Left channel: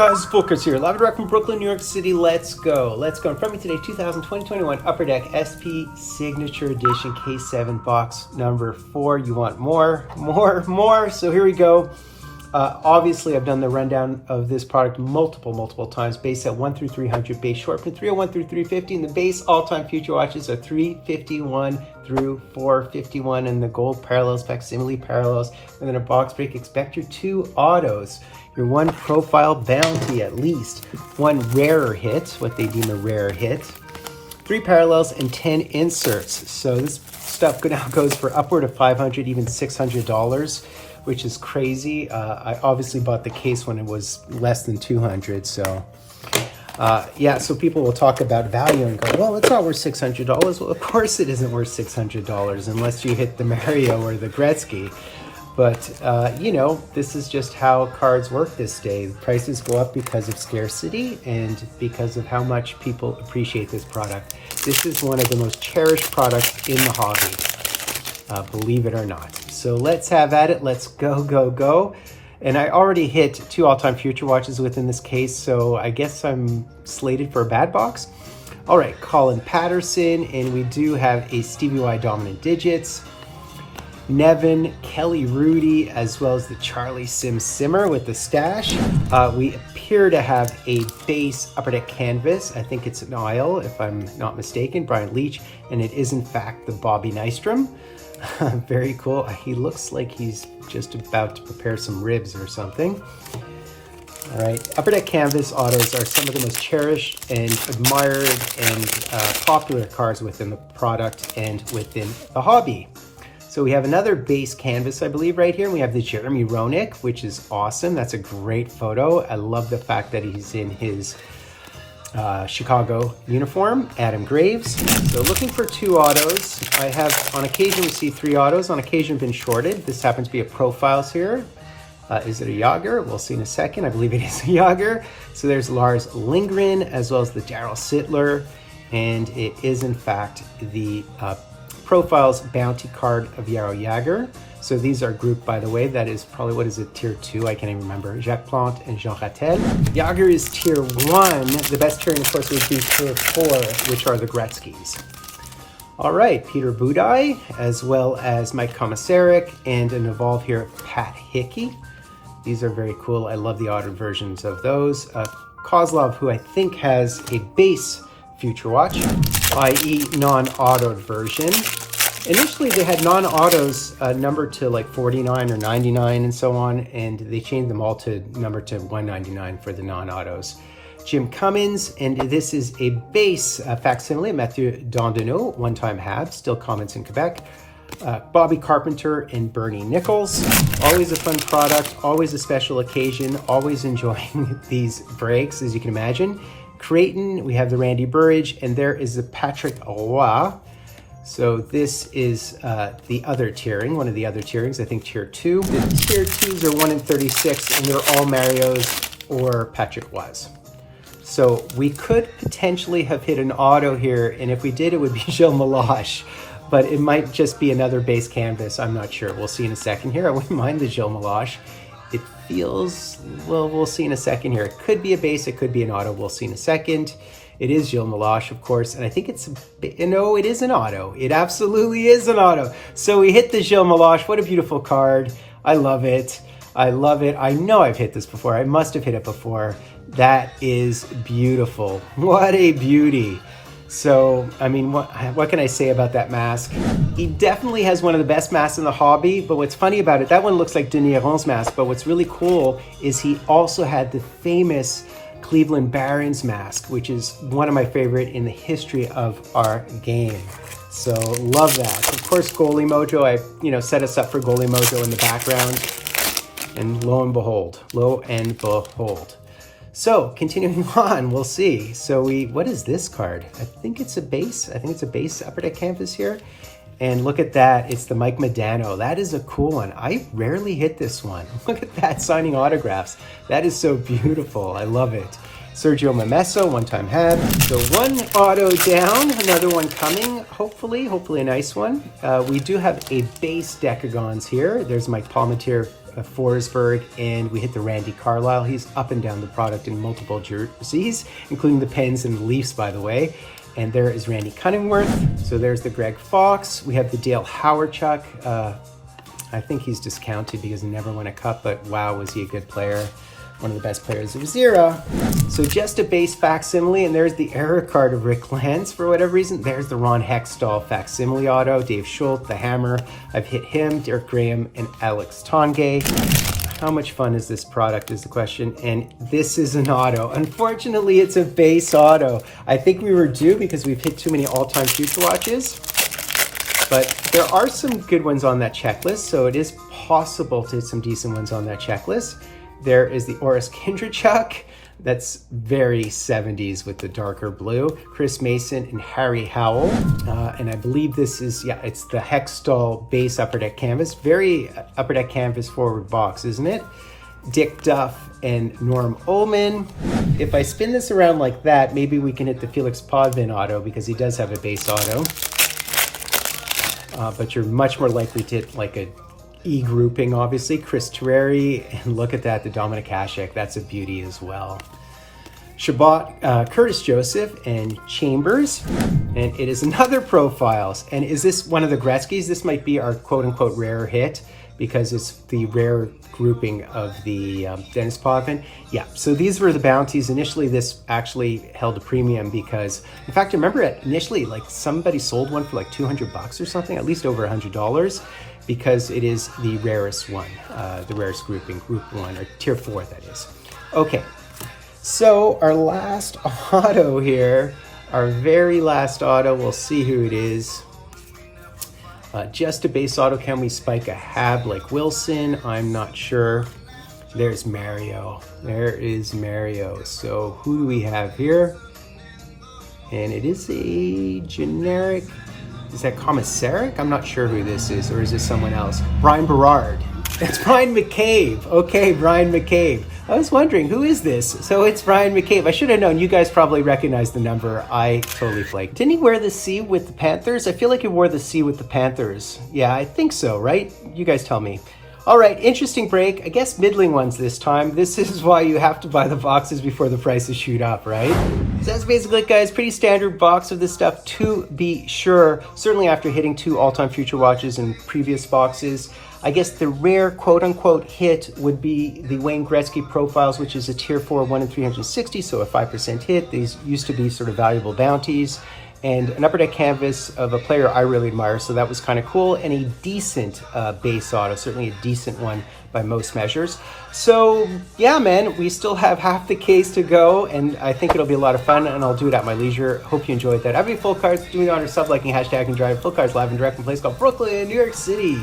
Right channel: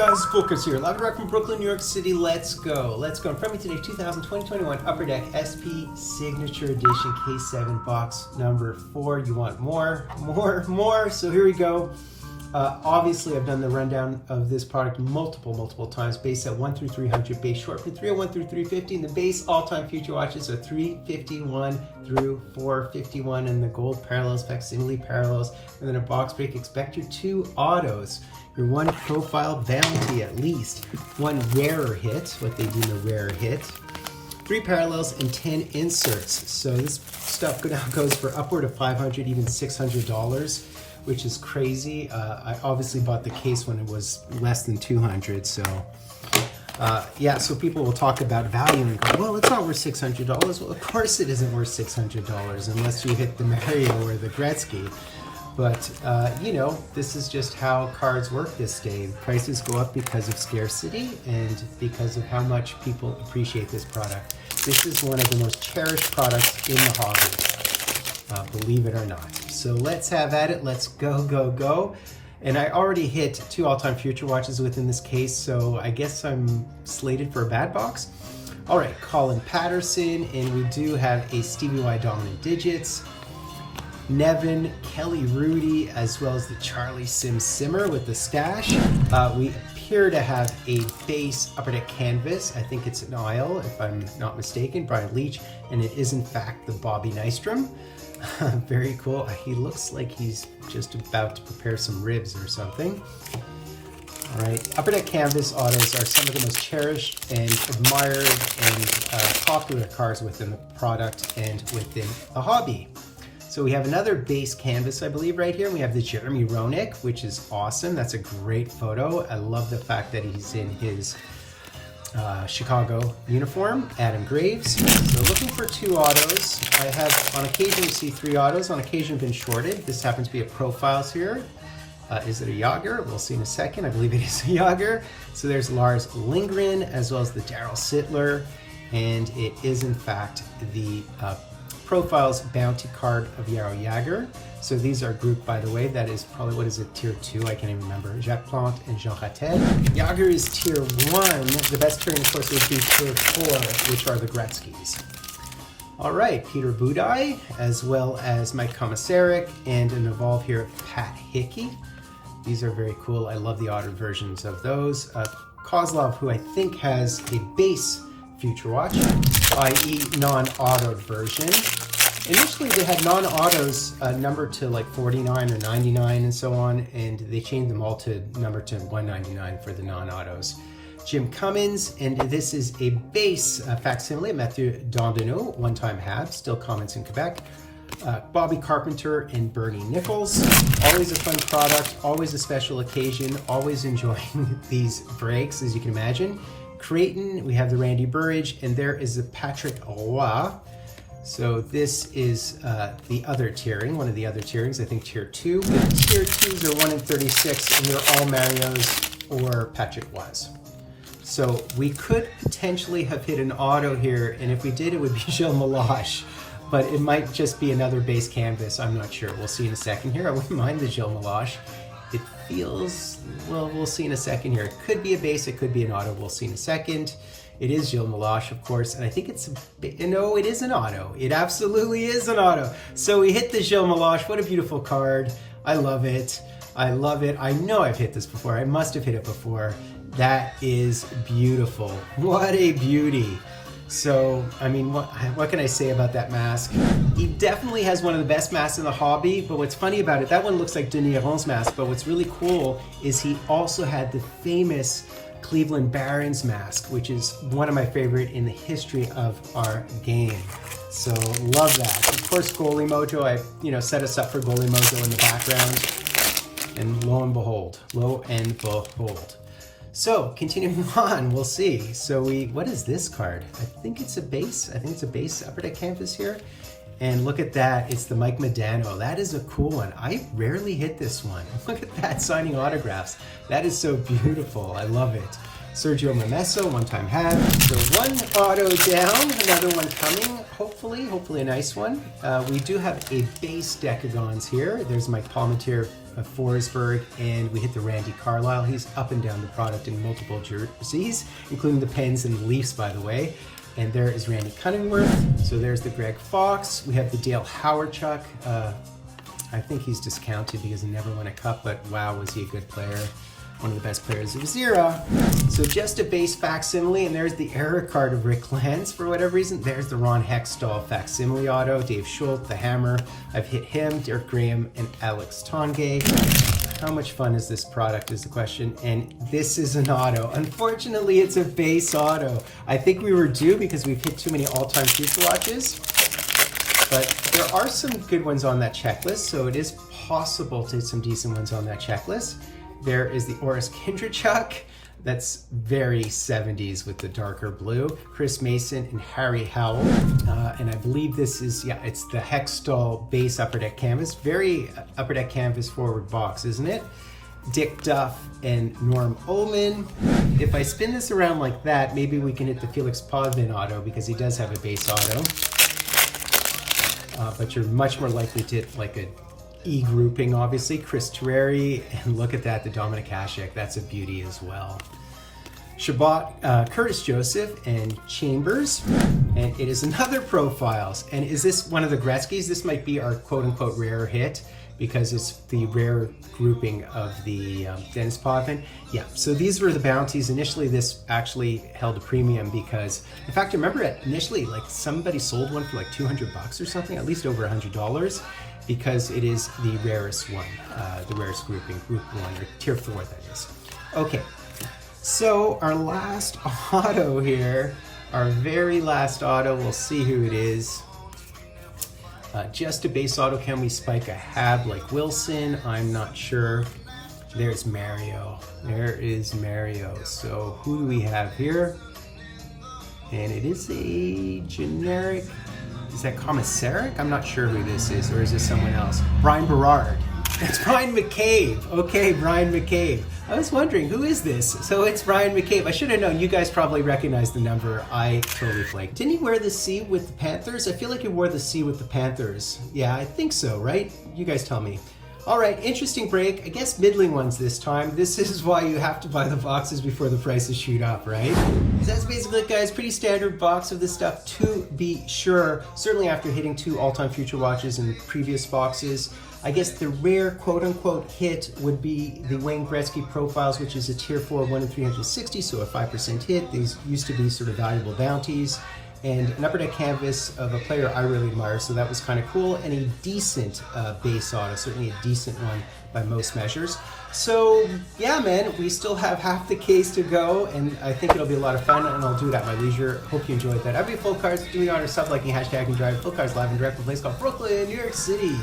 guys, Fultoncards here, live direct from Brooklyn, New York City. Let's go. Let's go. In front of me today, 2020-21 Upper Deck SP Signature Edition K7 box number 4. You want more. So here we go. Obviously, I've done the rundown of this product multiple times. Base at 1 through 300, base short from 301 through 350, and the base all-time future watches are 351 through 451, and the gold parallels, facsimile parallels. Within a box break, expect your 2 autos, your 1 profile bounty at least, 1 rarer hit, what they deem a rare hit, 3 parallels, and 10 inserts. So this stuff now goes for upward of $500, even $600. Which is crazy. I obviously bought the case when it was less than 200. So yeah, so people will talk about value and go, well, it's not worth $600. Well, of course it isn't worth $600 unless you hit the Mario or the Gretzky. But you know, this is just how cards work this day. Prices go up because of scarcity and because of how much people appreciate this product. This is one of the most cherished products in the hobby, believe it or not. So let's have at it. Let's go. And I already hit 2 all-time future watches within this case, so I guess I'm slated for a bad box. All right, Colin Patterson, and we do have a Stevie Y Dominant Digits, Nevin, Kelly Rudy, as well as the Charlie Simmer with the stash. We appear to have a base Upper Deck canvas. I think it's an Isle, if I'm not mistaken, Brian Leach, and it is in fact the Bobby Nystrom. Very cool. He looks like he's just about to prepare some ribs or something. All right, Upper Deck canvas autos are some of the most cherished and admired and popular cards within the product and within the hobby. So we have another base canvas, I believe, right here. We have the Jeremy Roenick, which is awesome. That's a great photo. I love the fact that he's in his Chicago uniform. Adam Graves. So looking for 2 autos. I have on occasion see 3 autos, on occasion been shorted. This happens to be a profiles here. Is it a Yager? We'll see in a second. I believe it is a Yager. So there's Lars Lindgren as well as the Daryl Sittler, and it is in fact the profiles bounty card of Yaro Yager. So these are grouped, by the way. That is probably, what is it, tier 2? I can't even remember. Jacques Plante and Jean Rattel. Yager is tier 1. The best tiering, of course, would be tier 4, which are the Gretzkys. All right, Peter Budaj, as well as Mike Komisarek, and an Evolve here, Pat Hickey. These are very cool. I love the auto versions of those. Kozlov, who I think has a base future watch, i.e. non-autoed version. Initially, they had non-autos numbered to like 49 or 99 and so on, and they changed them all to number to 199 for the non-autos. Jim Cummins, and this is a base facsimile, Mathieu Dandonneau, one-time Habs, still comments in Quebec. Bobby Carpenter and Bernie Nichols. Always a fun product, always a special occasion, always enjoying these breaks, as you can imagine. Creighton, we have the Randy Burridge, and there is the Patrick Roy. So this is the other tiering, one of the other tierings, I think tier 2. The tier 2s are 1 in 36, and they're all Marios or Patrick Roys. So we could potentially have hit an auto here, and if we did, it would be Gilles Meloche, but it might just be another base canvas. I'm not sure. We'll see in a second here. I wouldn't mind the Gilles Meloche. It feels, well, we'll see in a second here. It could be a base, it could be an auto. We'll see in a second. It is Gilles Meloche, of course, and I think it's, no, it is an auto. It absolutely is an auto. So we hit the Gilles Meloche. What a beautiful card. I love it. I love it. I know I've hit this before. I must have hit it before. That is beautiful. What a beauty. So, I mean, what can I say about that mask? He definitely has one of the best masks in the hobby, but what's funny about it, that one looks like Denis Aron's mask, but what's really cool is he also had the famous Cleveland Barons mask, which is one of my favorite in the history of our game. So love that. Of course, Goalie Mojo, I set us up for Goalie Mojo in the background, and lo and behold. So continuing on, we'll see. So what is this card? I think it's a base. I think it's a base Upper Deck canvas here. And look at that, it's the Mike Modano. That is a cool one. I rarely hit this one. Look at that, signing autographs. That is so beautiful, I love it. Sergio Momesso, one-time had. So 1 auto down, another one coming, hopefully a nice one. We do have a base Decagons here. There's Mike Palmetier Forsberg, and we hit the Randy Carlyle. He's up and down the product in multiple jerseys, including the Pens and the Leafs, by the way. And there is Randy Cunningworth. So there's the Greg Fox. We have the Dale Hawerchuk. I think he's discounted because he never won a cup, but wow, was he a good player. One of the best players of his era. So just a base facsimile, and there's the error card of Rick Lance for whatever reason. There's the Ron Hextall facsimile auto, Dave Schultz, the Hammer. I've hit him, Derek Graham, and Alex Tongay. How much fun is this product is the question, and this is an auto. Unfortunately, it's a base auto. I think we were due because we've hit too many all-time future watches, but there are some good ones on that checklist, so it is possible to hit some decent ones on that checklist. There is the Oris Kindrachuk. That's very 70s with the darker blue. Chris Mason and Harry Howell. And I believe this is, yeah, it's the Hextall base upper deck canvas. Very upper deck canvas forward box, isn't it? Dick Duff and Norm Ullman. If I spin this around like that, maybe we can hit the Felix Potvin auto because he does have a base auto. But you're much more likely to hit like a E grouping, obviously. Chris Terreri, and look at that, the Dominic Hasek, that's a beauty as well. Shabbat, Curtis Joseph, and Chambers, and it is another profiles. And is this one of the Gretzky's? This might be our quote-unquote rare hit because it's the rare grouping of the Dennis Potvin. Yeah, so these were the bounties. Initially, this actually held a premium because, in fact, I remember initially, like somebody sold one for like $200 or something, at least over $100. Because it is the rarest one, the rarest grouping, group 1, or tier 4 that is. Okay, so our last auto here, our very last auto, we'll see who it is. Just a base auto, can we spike a Hab like Wilson? I'm not sure. There's Mario, there is Mario. So who do we have here? And it is a generic, is that Commissaric? I'm not sure who this is, or is this someone else? Brian Berard. It's Brian McCabe. Okay, Brian McCabe. I was wondering, who is this? So it's Brian McCabe. I should have known. You guys probably recognize the number. I totally flaked. Didn't he wear the C with the Panthers? I feel like he wore the C with the Panthers. Yeah, I think so, right? You guys tell me. All right, interesting break. I guess middling ones this time. This is why you have to buy the boxes before the prices shoot up, right? So that's basically it, guys. Pretty standard box of this stuff, to be sure. Certainly after hitting 2 all-time future watches in previous boxes. I guess the rare quote-unquote hit would be the Wayne Gretzky profiles, which is a tier 4, 1 in 360, so a 5% hit. These used to be sort of valuable bounties. And an upper deck canvas of a player I really admire, so that was kind of cool, and a decent base auto, certainly a decent one by most measures. So yeah, man, we still have half the case to go, and I think it'll be a lot of fun, and I'll do it at my leisure. Hope you enjoyed that. I've full cards, do me the honor, sub-liking, hashtag, and drive. Full Cards live and direct from a place called Brooklyn, New York City.